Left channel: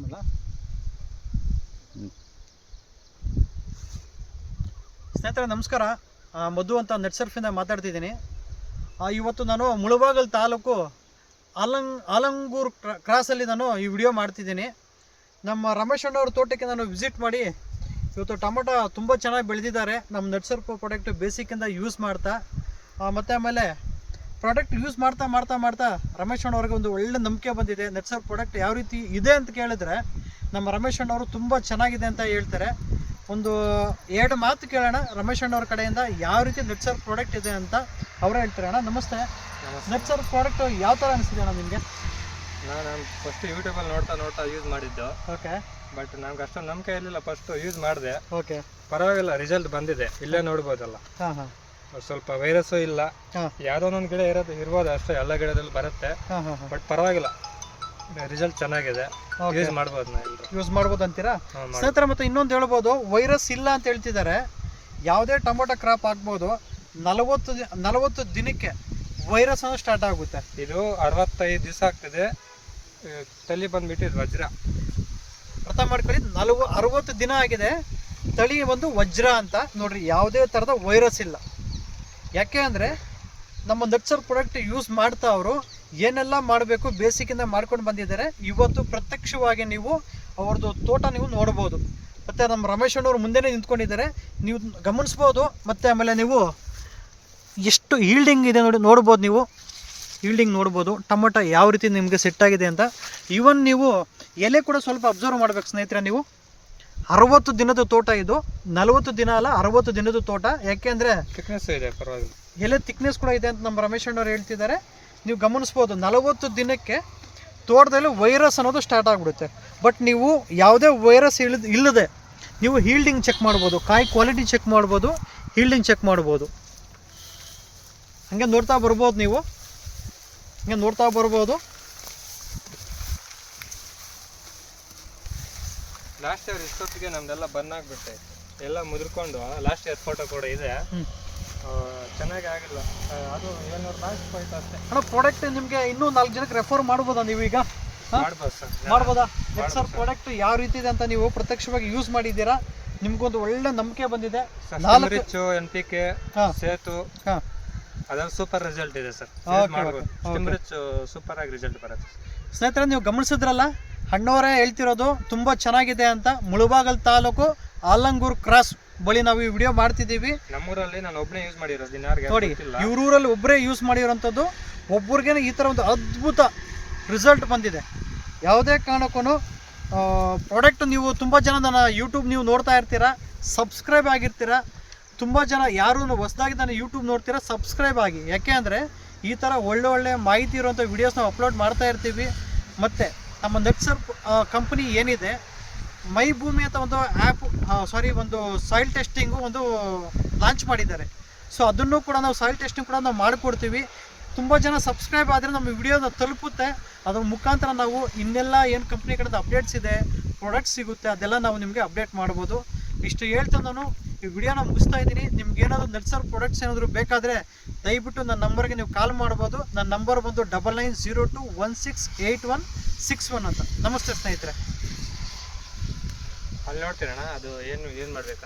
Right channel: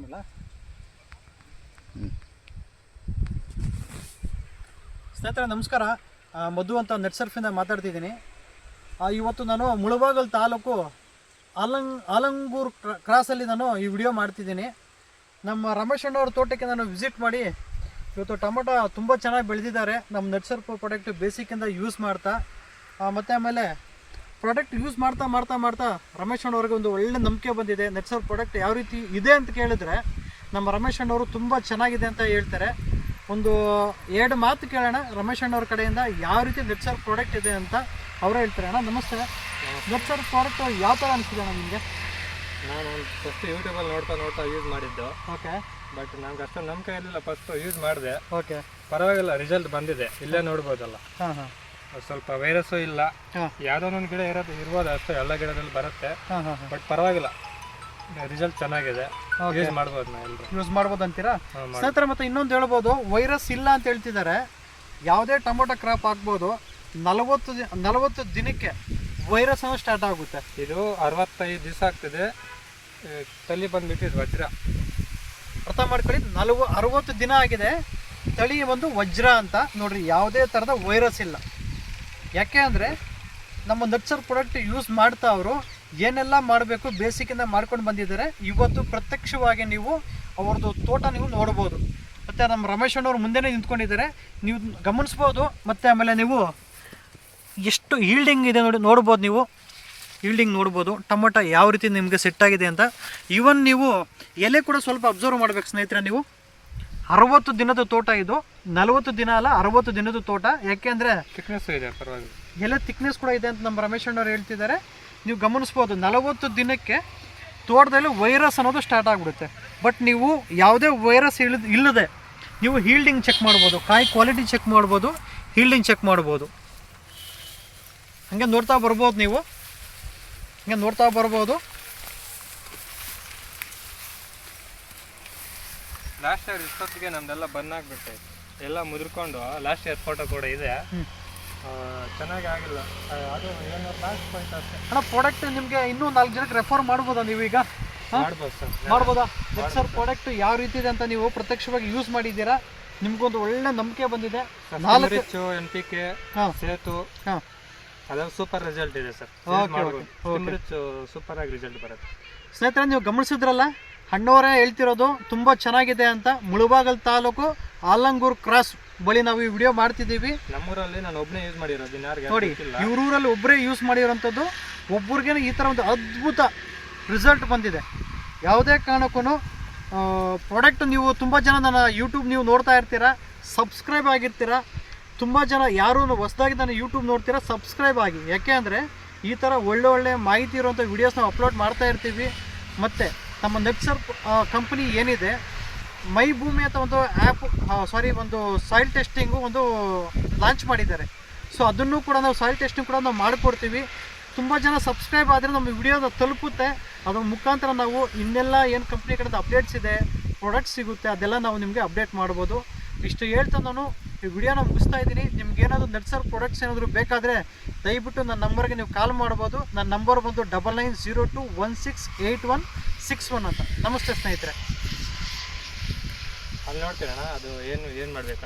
ಮಾಡಲ ಸ್ನೇಹಿತರೆ, ನಮಸ್ಕಾರ. ಮಧು ಅಂತ ನೆಟ್ ಸರ್ಫಿಂದ ಮಾತಾಡ್ತಿದ್ದೀನಿ. ಇವತ್ತು ನಾನು ಮುಳಬಾಗಲ್ ತಾಲೂಕು ಆಲಂಗ್ ಆಲಂಗೂರು ಕ್ರ- ಕ್ರಾಸಲ್ಲಿ ನಾನು ಈ ವಿಡಿಯೋ ಮಾಡ್ತಿದ್ದೀನಿ. ನಮ್ಮ ರಮೇಶ್ ಅಣ್ಣವ್ರ ತೋಟಕ್ಕೆ ನಾನು ವಿಸಿಟ್ ಮಾಡಿ ಇವತ್ತು ಟೊಮೊಟೊ ತುಂಬ ಚೆನ್ನಾಗಿ ಬೆಳೆದಿದ್ದಾರೆ. ನಮ್ಮ ನೆಟ್ ಸರ್ಫ್ ಪ್ರಾಡಕ್ಟ್ ಬೇಸಿಕ್ಕಿಂದ ಯೂಸ್ ಮಾಡ್ತಾ ಮತ್ತೆ ಆಮೇಲೆ ಪ್ರಾಡಕ್ಟ್ ಯೂಸ್ ಮಾಡ್ತಾ ಮಾಡ್ತಾ ಮಾಡ್ತಾ ರಮೇಶ್ ಅಣ್ಣವ್ರಿಗೆ ಒಂದು ಒಳ್ಳೆ ನಂಬಿಕೆ ಬಂದಿದೆ. ನೆಟ್ಸರ್ ಪ್ರಾಡಕ್ಟ್ ಯಾವ ರೀತಿ ಇದೆ ಅಂತ ಕೇಳಿದ್ರೆ ನಮ್ಮ ರಮೇಶ್ ಅಣ್ಣವರು ತುಂಬ ಚೆನ್ನಾಗಿದೆ ಅಂತ ಹೇಳ್ತಾರೆ. ಒಂದು ಎರಡು ಮಾತು ಕೇಳೋಣ. ರಮೇಶ್ ಅಣ್ಣವ್ರ ಕಡೆಯಿಂದ ಯಾವ ರೀತಿ ನೆಟ್ಸರ್ ಪ್ರಾಡಕ್ಟ್ ಇದೆ ಅಂತ ಅವರೇ ಹೇಳ್ತಾರೆ. ಅಣ್ಣ ನಮಸ್ತೆ. ನೆಟ್ಸರ್ ಪ್ರಾಡಕ್ಟ್ ಯಾವ ಥರ ಅನಿಸಿದೆ ಅಣ್ಣ ನಿಮಗೆ? ನಾನು ಫಸ್ಟ್ ಯೂಟ್ಯೂಬಲ್ಲಿ ನೋಡ್ತಾ ನೋಡ್ತಾ ಯೂಸ್ ಮಾಡಿದ್ದು. ಓಕೆ ಬಟ್ ನಮ್ಗೆ ಅಷ್ಟೊಂದು ನಂಬಿಕೆ ಇರಲಿಲ್ಲ. ಫಸ್ಟ್ ಯೂಸ್ ಮಾಡಿದೆ. ಓಕೆ ಪರವಾಗಿಲ್ಲ ರಿಸಲ್ಟ್ ಬಂದಿದೆ. ಇಲ್ಲೇ ನೋಡ್ಬೋದಲ್ಲ. ಹಾಂ ಹಾಂ. ಸ್ವಲ್ಪ ವೈರಸ್ಸು ಇಲ್ಲ. ಯಾವ್ದೋ ಒಂದೊಂದು ಗಿಡ ಇರೋದು ಇರ್ಬೋದು ಅಷ್ಟೇ ಎಲ್ಲ ಗಿಡದಲ್ಲಿ ಬರುತ್ತೆ. ಹಾಂ ಹಾಂ ಹಾಂ. ಬಟ್ ಪರವಾಗಿಲ್ಲ. ರಿಸಲ್ಟ್ ಚೆನ್ನಾಗಿದೆ. ಯೂಸ್ ಮಾಡ್ಬೋದು ಯೂಸ್ ಮಾಡ್ಬೋದು ಅಂತೀರಾ? ಸ್ನೇಹಿತರೆ ಮತ್ತೆ ಇನ್ನೊಂದು ಹೇಳ್ಬೋದು ವೈರಸ್ ಇಲ್ಲ ಅಂತ ಹೇಳ್ತಿದ್ದಾರೆ. ಯಾವುದೇ ಟೊಮೊಟೊ ಕ್ರಾಪ್ ಹಾಕ್ಬೋದು ನಲವತ್ತು ನಲವತ್ತು ದಿನಕ್ಕೆ ವೈರಸ್ ಅನ್ನೋ ಸ್ಟಾರ್ಟ್ ಆಗುತ್ತೆ. ಇದು ಅರವತ್ತೈದು ದಿವಸ ಆಗ್ತದೆ. ತಲೆ ಬಂದ್ಬಿಟ್ಟು ಇದು ವಜ್ರ. ಅರ್ಥ ಮಾಡ್ಕೊಳ್ಳಿ ನಲವ ಅರವತ್ತು ದಿನ ಆಗಿದೆ. ತಳಿ ಒಂದು ವಜ್ರ ಅಂತ. ನೋಡ್ರಿ ಯಾವುದೇ ಥರದ ವೈರಸ್ ಇಲ್ಲ. ಯಾಕೆ ಅಂದರೆ ನಮ್ಮ ನಟ್ಸರ್ ಪ್ರಾಡಕ್ಟ್ ಯೂಸ್ ಮಾಡ್ತಾ ಅವರು, ಏನೆಲ್ಲ ಮಾಡಬೇಕು ಬೇಸಿಕ್ಕಿಂದ ಮಾಡ್ಕೊಂಡು ಬಂದಿದ್ದಾರೆ, ಇವತ್ತು ಪ್ರತ್ಯಕ್ಷವಾಗಿ ನೀವು ಅವ್ರದ್ದು ತೋಟ ನೀವು ನೋಡ್ಬೋದು. ಮತ್ತು ನಮ್ಮ ರಮೇಶ್ ಅಣ್ಣವ್ರು ಮುಂದೆನೇ ನಿಂತ್ಕೊಂಡಿದ್ದಾರೆ, ನೀವು ಗಮನಿಸ್ಬೋದು, ಮತ್ತು ಆಮೇಲೆ ನೀವು ಎಷ್ಟು ಈಲ್ಡಿಂಗ್ ಇದೆ ನೋಡಿ ನೋಡ್ಬೋದು ನೀವು. ಈಲ್ಡಿಂಗ್ ನೋಡ್ಬೋದು, ಟೊಮೊಟೊ ಯಾವ ರೀತಿ ನಿಮಗೆ ಸೆಟ್ ಆಗಿದೆ ಅಂತ. ಈವನ್ ನೀವು ಎಲೆ ಕೂಡ ಸ್ವಲ್ಪ ಅಬ್ಸರ್ವ್ ಮಾಡ್ಬೇಕು ಸ್ನೇಹಿತರೆ ನೀವು. ಅರವತ್ತು ದಿನದ ತೋಟ ಇದು. ನಲವತ್ತು ದಿನ ಅಲ್ಲ ಅರವತ್ತು ದಿನದ ತೋಟ. ಯಾಕೆಂದರೆ ಥಿಕ್ನೆಸ್ ಇದೆ ಪರವಾಗಿಲ್ಲ. ಎಲ್ಲ ಥಿಕ್ನೆಸ್ ಕೂಡ ಇದೆ ಅಂತ ನಮ್ಮ ರಮೇಶ್ ಅಣ್ಣವ್ರು ಹೇಳ್ತಿದ್ದಾರೆ. ನೀವು ಗಮನಿಸ್ಬೋದು ನಲವತ್ತು ದಿನಕ್ಕೆ ತೋಟದಲ್ಲಿ ವೈರಸ್ ಅನ್ನೋದು ಸ್ಟಾರ್ಟ್ ಆಗಿಬಿಡುತ್ತೆ. ಬಟ್ ನೀವು ಯಾವುದೇ ವೈರಸ್ ಇಳಿದ ಇಲ್ಲದೆ ನೀವು ಹೀಲ್ಡಿಂಗ್ ಚೆಕ್ ಮಾಡ್ಬೋದು ಕಾಯಿ ಕ್ವಾಲಿಟಿ ಚೆಕ್ ಮಾಡ್ಬೋದು ಹೀಲ್ಡಿಂಗ್ ಚೆಕ್ ಮಾಡ್ಬೋದು. ಹಾಗೆ ನೋಡ್ತಾ ಬರ್ಬೋದು ನೀವು. ಹಂಗೆ ನೋಡ್ತಾ ಬರ್ಬೋದು. ಲಾಸ್ಟ್ ಇಯರ್ ಇಷ್ಟೊತ್ತಿಗೆ ನಮ್ದೆಲ್ಲ ಬಂದ್ ಆಗ್ಬಿಟ್ಟೆ. ಎಲ್ಲ ಮುದ್ರಕೊಂಡು ಲಾಸ್ಟ್ ಇಯರ್ ಫೋಟೋ ಕೂಡ ಇದೆ. ಚೆನ್ನಾಗಿ ಆಗಿಲ್ಲ. ಅದು ಏಳ್ನೂರು ಲಾಸ್ಟ್ ಪಾಯಿಂಟ್ ಅಷ್ಟೇ. ಅಣ್ಣ ಪ್ರಾಡಕ್ಟ್ ನಿಮಗೆ ಇನ್ನೂ ನಾಲ್ಕು ಜನಕ್ಕೆ ರೆಫರ್ ಮಾಡ್ಬೋದಾ ನೀವು ಈಗ? ಮಾಡ್ಬೋದು ಸರ್. ಮಾಡ್ಬೋದಾ? ಸರ್. ಪ್ರಾಡಕ್ಟ್ ಯಾವ ರೀತಿ ಇದೆ ಅಂತ ನೀವು ಪ್ರತ್ಯಕ್ಷವಾಗಿ ಯೂಸ್ ಮಾಡಿದ್ದೀರಾ? ನಿಮ್ಗೊಂದು ಒಳ್ಳೆ ನಂಬಿಕೆ ಬಂದಿದೆ. ನಾಲ್ಕು ಎನ್ ಪಿ ಕೆ ಸೇತು. ಹಾಂ. ಅದ್ರಲ್ಲಿ ಸೂಪರ್ ರಿಸಲ್ಟ್ ಇದೆ ಸರ್. ಸೂಪರ್ ಆಗಿ ರಿಸಲ್ಟ್ ಬರುತ್ತೆ. ಸ್ನೇಹಿತರೆ ನೀವು ಗಮನಿಸಿದ್ರಲ್ಲ? ಹಣ್ಣವರೇ ಹೇಳ್ತಿರೋದು ತುಂಬ ಚೆನ್ನಾಗಿದೆ ಅಂತ ಮುಳುಬಾಗಲ್ ತಾಲೂಕು ಆಲಂಗೂರ್ ಕ್ರಾಸ್ ಬಳಿ ನಾವು ಈ ವಿಡಿಯೋ ಮಾಡ್ತಿದ್ದೀವಿ. ನಮ್ಮೂರಲ್ಲಿ ನಾನು ಒಬ್ಬನೇ ಯೂಸ್ ಮಾಡಿರೋದು ಇನ್ಯಾರಿಗೆ ನೋಡಿ ಇವರೂರಲ್ಲಿ ಇವ್ರೂರಲ್ಲಿ ಒಬ್ಬರೇ ಯೂಸ್ ಮಾಡಿರೋಂಥದ್ದು ಒಬ್ಬರಿಗೇನೆ ಈ ಥರ ಒಂದು ಅದ್ಭುತ ರಿಸಲ್ಟ್ ಬಂದಿದೆ. ಯಾವುದೇ ಕಾರಣಕ್ಕೂ ಪ್ರಾಡಕ್ಟ್ ನೀವು ತುಂಬ ಜನ ನನ್ನ ಯೂಟ್ಯೂಬ್ ನೀವು ನೋಡ್ತಾ ಇರ್ತೀರಾ ಸಬ್ಸ್ಕ್ರೈಬ್ ಆಗಿರ್ತೀರಾ ತುಂಬ ಜನ ಯಾರೂ ಹೊಸದಾಗಿ ನಾನು ಯೂಟ್ಯೂಬ್ ನೋಡ್ತೀರಾ ಸಬ್ಸ್ಕ್ರೈಬ್ ಆಗಿ. ಯಾಕೆ ಅಂದರೆ ಈ ಥರ ಒಳ್ಳೆ ಒಳ್ಳೆ ಮಾಹಿತಿ ಇರುವಂಥ ವೀಡಿಯೋಸ್ ನಾವು ಅಪ್ಲೋಡ್ ಮಾಡ್ತಾ ಇರ್ತೀವಿ. ಮತ್ತು ನಮ್ಮ ನೆಟ್ಸರ್ ಕಂಪ್ನಿ ಏನಿದೆ ಮೈ ಭೂಮಿ ಅಂತ ಒಂದು ಆ್ಯಪ್ ಸಾರಿ ಒಂದು ಸಾಯಿಲ್ ಟೆಸ್ಟಿಂಗು ಒಂದು ಲಾಂಚ್ ಮಾಡಿದ್ದಾರೆ. ಸೊ ಅದನ್ನು ಕೂಡ ನಾವು ಸಾಯಿಲ್ ಟೆಸ್ಟಿಂಗ್ ಕೂಡ ನಾವು ಮಾಡಿಕೊಡ್ತೀವಿ. ತುಂಬ ಜನ ಸಬ್ಸ್ಕ್ರೈಬ್ ಆದರೆ ನಮ್ಮ ವಿಡಿಯೋನ ತಲುಪುತ್ತೆ. ಅದ್ರ ಮುಖಾಂತರ ನಾವು ಇನ್ನೆಲ್ಲ ಏನು ಕಂಪ್ನಿ ಕಡೆದು ಅಪ್ಡೇಟ್ಸ್ ಇದೆ ಪ್ರಾಡಕ್ಟ್ಸ್ ಸಿಗುತ್ತೆ, ಅದೆಲ್ಲ ನಾವು ನಿಮಗೆ ಅಪ್ಡೇಟ್ ಮಾಡ್ಬೋದು. ಇಷ್ಟು ಹೇಳ್ತಾ ನಾನು ಈ ವಿಡಿಯೋನ ಮುಗಿಸ್ತಾ ಇದ್ದೀನಿ. ನಿಮ್ಗೆ ಏನಾದರೂ ನರ್ಸರ್ ಪ್ರಾಡಕ್ಟ್ಸ್ ಏನಾದರೂ ಬೇಕಾದರೆ ದಯವಿಟ್ಟು ನನ್ನ ನಂಬರ್ಗೆ ನೀವು ಕಾಲ್ ಮಾಡ್ಬೋದು. ನನ್ನ ನಂಬರ್ ಬಂದು double nine zero two one six eight one six one ಅಂತ. ನಮಸ್ತೆ ಸ್ನೇಹಿತರೆ. ಅಲ್ಲಿ ನೋಡ್ತೀರಣ್ಣ ಅದು ಏನು ಏನು ಮಾಡ್ಬೇಕು?